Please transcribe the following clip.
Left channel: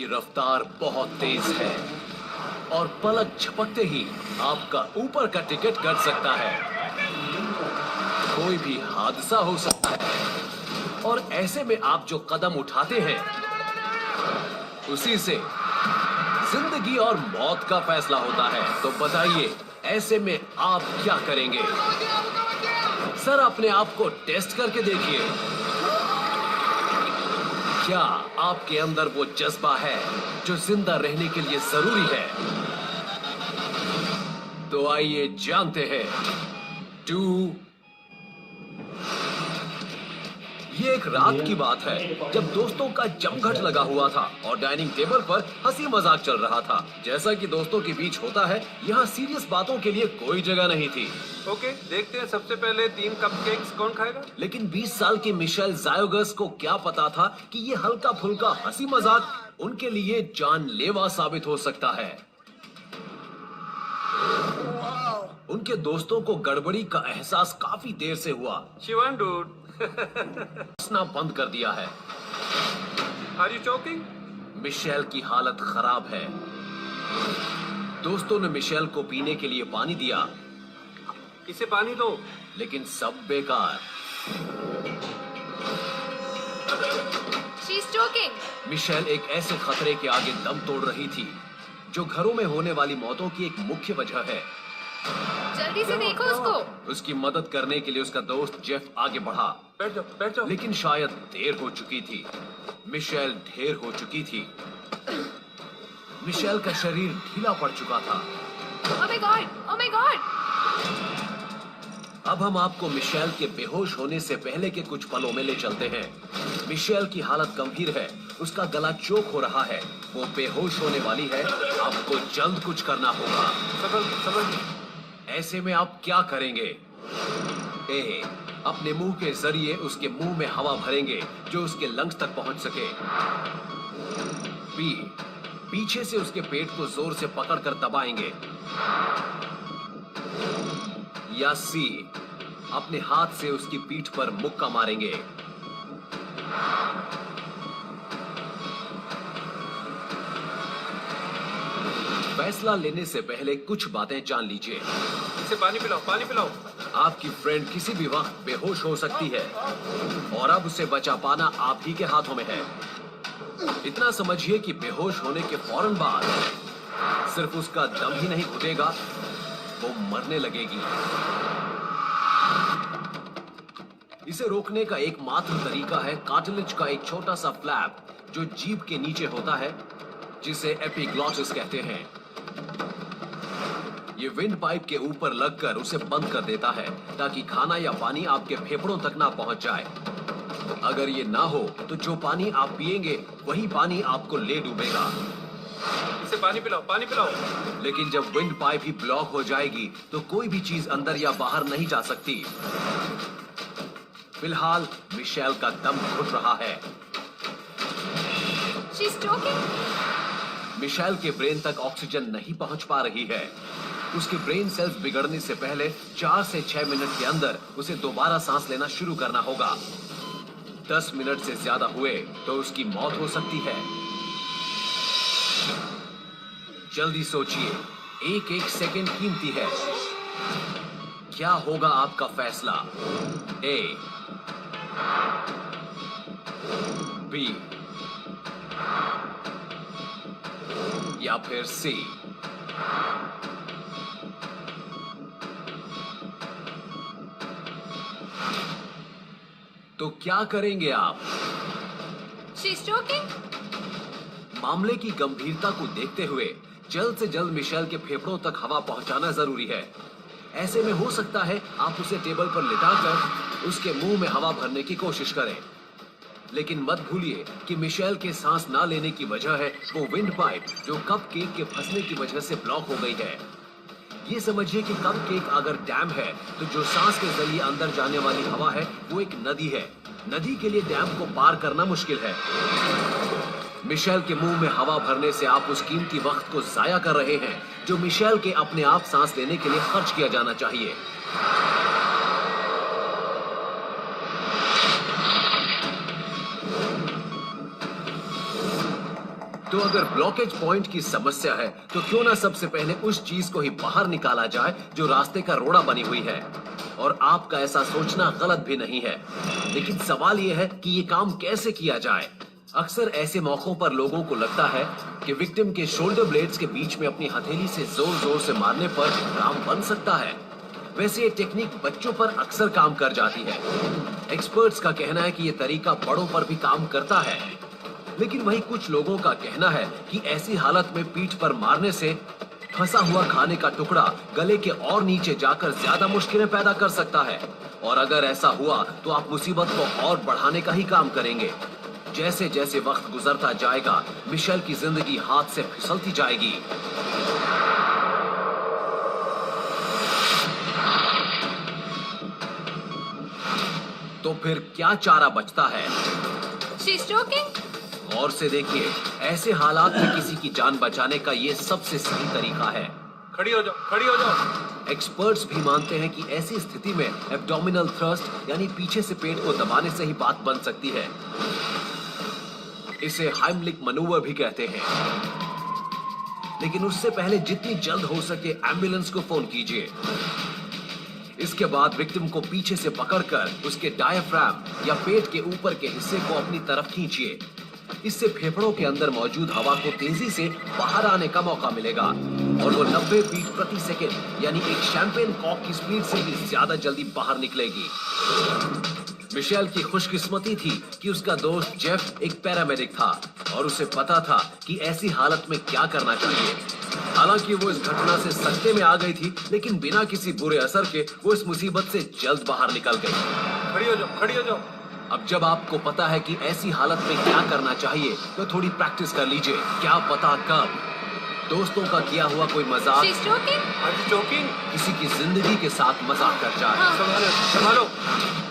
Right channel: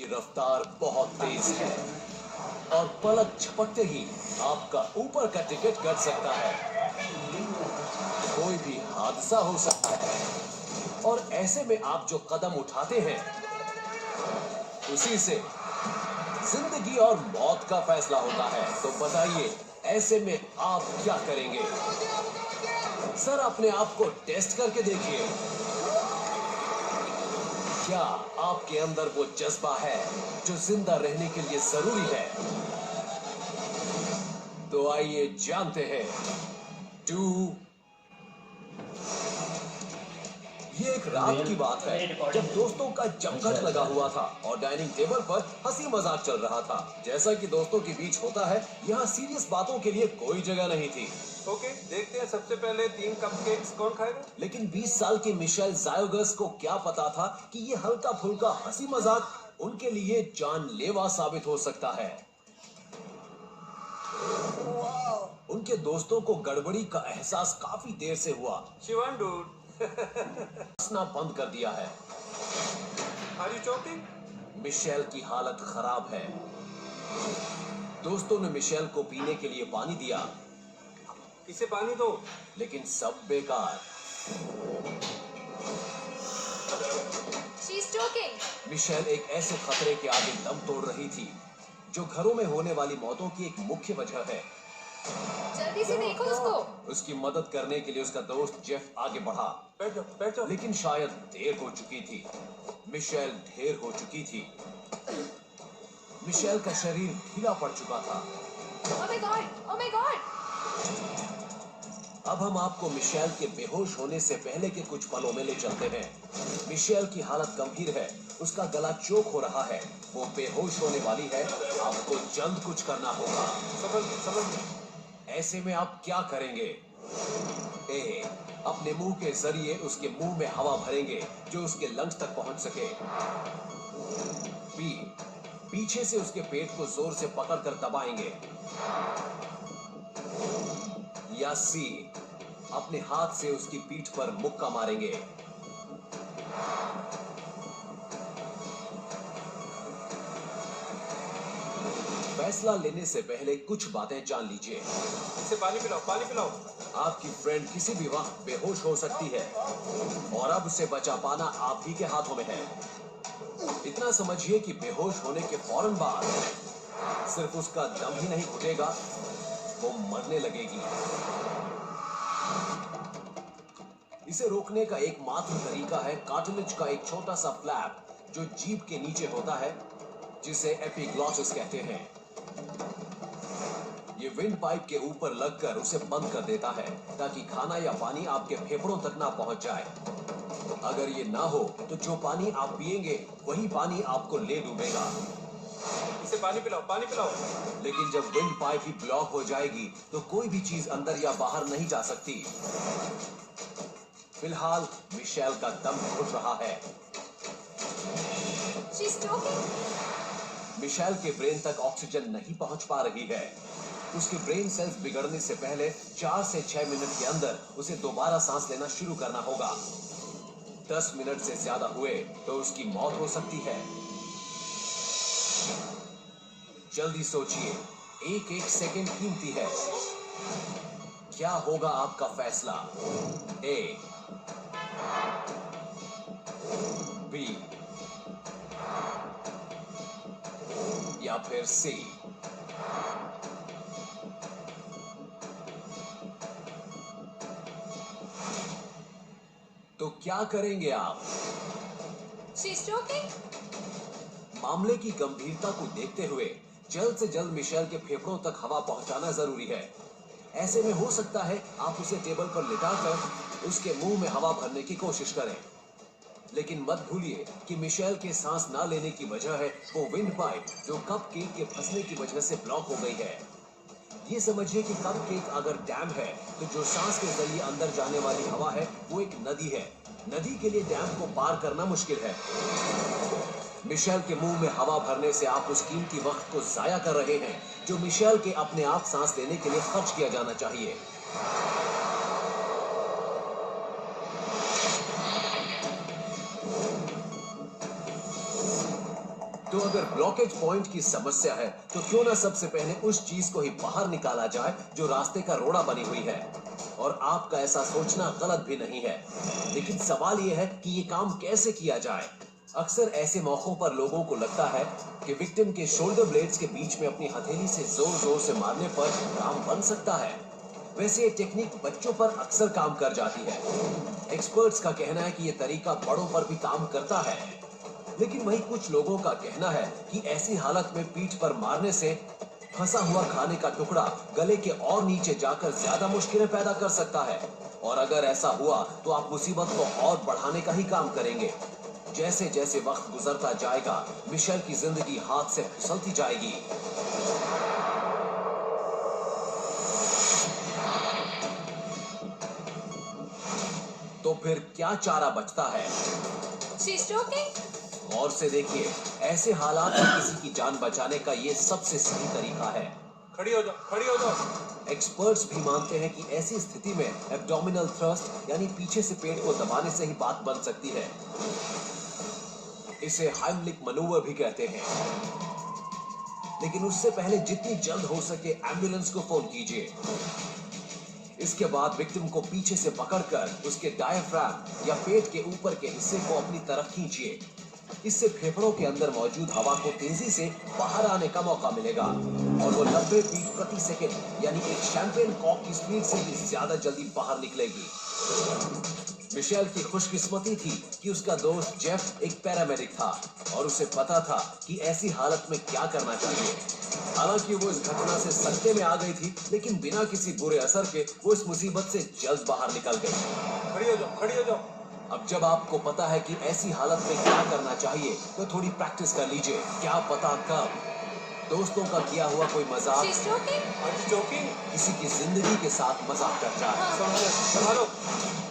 की रफ्तार बहुत तेज है और पलक झपकते ही आपका ऊपर का टिकट कट सकता है। कोई भी हादसा हो सकता है और ऐसे में आप जो कदम उठाते हैं उसी से जिंदगी और मौत का फैसला होता है। तो बताइए, ऐसे में आप क्या करेंगे? सर, अपने आप को टेस्ट करके देखिए। क्या आपके अंदर वो जज्बा है जो जिंदा रहने के लिए जरूरी है? तो आइए जानते हैं। 2 ये एक रात की बात है जब दोस्तों का जमघट लगा हुआ था और डाइनिंग टेबल पर हंसी मजाक चल रहा था। जैसा कि दोस्तों के बीच होता है, यहाँ सीरियस बातों के लिए कोई जगह नहीं थी। ओके, देखते हैं सबसे पहले 3 कपकेक्स कौन खाएगा। लेकिन 20 साल की मिशेल जायोगस को क्या पता था कि ये हल्का फुल्का हंसी मजाक उनके लिए जानलेवा साबित हो सकता है। उनके दोस्तों को गड़बड़ी का एहसास काफी देर से हुआ। शिवन डूड, हंसना बंद कर दिया है। Are you choking? मिशेल की हालत खराब है। दोस्तों ने मिशेल को पीने के लिए पानी दिया, इसे पानी दो। लेकिन सब बेकार। She's choking. मिशेल एक ऐसे खतरे के आगे दम तोड़ रही थी जो घरों में होने वाली मौतों की एक मुख्य वजह है। जल्दी से देखो उसको। उसकी मदद करने के लिए उसका दोस्त जेफ आगे बढ़ा, बैठ जाओ, बैठ जाओ। लेकिन शायद देर हो चुकी थी। मिशेल ढेर हो चुकी थी। मिशेल का शरीर ढीला पड़ चुका था। Oh my God! Oh my God! अब हम आपको मिशेल के बेहोश होने से पहले के कुछ पलों में ले चलते हैं। मिशेल की हालत गंभीर है, उसका गला चोक हो रहा है, वो बेहोश होने वाली है। आपको जल्द कुछ करना होगा। सबर। ऐसे में आप क्या करेंगे? ए, अपने मुंह के जरिए उसके मुंह में हवा भरेंगे जो उसके लंग्स तक पहुंच सके। बी, पीछे से उसके पेट को जोर से पकड़कर दबाएंगे। या सी, अपने हाथ से उसकी पीठ पर मुक्का मारेंगे। फैसला लेने से पहले कुछ बातें जान लीजिए। इसे पानी पिलाओ, पानी पिलाओ। आपकी फ्रेंड किसी भी वक्त बेहोश हो सकती है और अब उसे बचा पाना आप ही के हाथों में है। इतना समझिए कि बेहोश होने के फौरन बाद सिर्फ उसका दम ही नहीं घुटेगा, वो मरने लगेगी। इसे रोकने का एकमात्र तरीका है कार्टिलेज का एक छोटा सा फ्लैप जो जीभ के नीचे होता है, जिसे एपिग्लॉटिस कहते हैं। ये विंड पाइप के ऊपर लगकर उसे बंद कर देता है ताकि खाना या पानी आपके फेफड़ों तक ना पहुंच जाए। अगर ये ना हो तो जो पानी आप पिएंगे वही पानी आपको ले डूबेगा। इसे पानी पिलाओ, पानी पिलाओ। लेकिन जब विंड पाइप ही ब्लॉक हो जाएगी तो कोई भी चीज अंदर या बाहर नहीं जा सकती। फिलहाल मिशेल का दम घुट रहा है। She's choking. मिशेल के ब्रेन तक ऑक्सीजन नहीं पहुंच पा रही है। उसके ब्रेन सेल्स बिगड़ने से पहले 4 से 6 मिनट के अंदर उसे दोबारा सांस लेना शुरू करना होगा। 10 मिनट से ज्यादा हुए तो उसकी मौत हो सकती है। जल्दी सोचिए, एक एक सेकंड कीमती है। क्या होगा आपका फैसला? ए, बी या फिर सी? तो क्या करेंगे आप? She's choking. मामले की गंभीरता को देखते हुए जल्द से जल्द मिशेल के फेफड़ों तक हवा पहुंचाना जरूरी है। ऐसे में हो सकता है आप उसे टेबल पर लिटाकर उसके मुंह में हवा भरने की कोशिश करें, लेकिन मत भूलिए कि मिशेल के सांस ना लेने की वजह है वो विंड पाइप जो कपकेक के फंसने की वजह से ब्लॉक हो गई है। ये समझिए कि कपकेक अगर डैम है तो जो सांस के जरिए अंदर जाने वाली हवा है वो एक नदी है। नदी के लिए डैम को पार करना मुश्किल है। मिशेल के मुंह में हवा भरने से आप उस कीमती वक्त को जाया कर रहे हैं जो मिशेल के अपने आप सांस लेने के लिए खर्च किया जाना चाहिए। तो अगर ब्लॉकेज पॉइंट की समस्या है तो क्यों ना सबसे पहले उस चीज को ही बाहर निकाला जाए जो रास्ते का रोड़ा बनी हुई है। और आपका ऐसा सोचना गलत भी नहीं है, लेकिन सवाल यह है कि ये काम कैसे किया जाए। अक्सर ऐसे मौकों पर लोगों को लगता है कि विक्टिम के शोल्डर ब्लेड्स के बीच में अपनी हथेली से जोर जोर से मारने पर काम बन सकता है। वैसे ये टेक्निक बच्चों पर अक्सर काम कर जाती है। एक्सपर्ट्स का कहना है कि ये तरीका बड़ों पर भी काम करता है, लेकिन वहीं कुछ लोगों का कहना है कि ऐसी हालत में पीठ पर मारने से फंसा हुआ खाने का टुकड़ा गले के और नीचे जाकर ज्यादा मुश्किलें पैदा कर सकता है। और अगर ऐसा हुआ तो आप मुसीबत को और बढ़ाने का ही काम करेंगे। जैसे जैसे वक्त गुजरता जाएगा, मिशेल की जिंदगी हाथ से फिसलती जाएगी। तो फिर क्या चारा बचता है? She's joking? गौर से देखिए, ऐसे हालात में किसी की जान बचाने का ये सबसे सही तरीका है। खड़ी हो जाओ, खड़ी हो जाओ। एक्सपर्ट्स भी मानते हैं कि ऐसी स्थिति में एब्डोमिनल थ्रस्ट यानी पीछे से पेट को दबाने से ही बात बन सकती है। इसे हाइमलिक मनूवर भी कहते हैं। लेकिन उससे पहले जितनी जल्द हो सके एम्बुलेंस को फोन कीजिए। इसके बाद विक्टिम को पीछे से पकड़कर उसके डायफ्राम या पेट के ऊपर के हिस्से को अपनी तरफ खींचिए। इससे फेफड़ों के अंदर मौजूद हवा को तेजी से बाहर आने का मौका मिलेगा और वो 90 बीट प्रति सेकंड यानी एक शैंपेन कॉक की स्पीड से भी ज्यादा जल्दी बाहर निकलेगी। मिशेल की खुशकिस्मती थी कि उसका दोस्त जेफ एक पैरामेडिक था और उसे पता था कि ऐसी हालत में क्या करना चाहिए। हालांकि वो इस घटना से सख्ते में आ गई थी, लेकिन बिना किसी बुरे असर के वो इस मुसीबत से जल्द बाहर निकल गई। खड़ी हो जाओ, खड़ी हो जाओ। अब जब आपको पता है कि ऐसी हालत में क्या करना चाहिए, तो थोड़ी प्रैक्टिस कर लीजिए। क्या पता कब दोस्तों का किया हुआ कोई मजाक She's joking? आज जोकिंग। किसी की जिंदगी के साथ मजाक कर जाए। हाँ। संभालो, संभालो।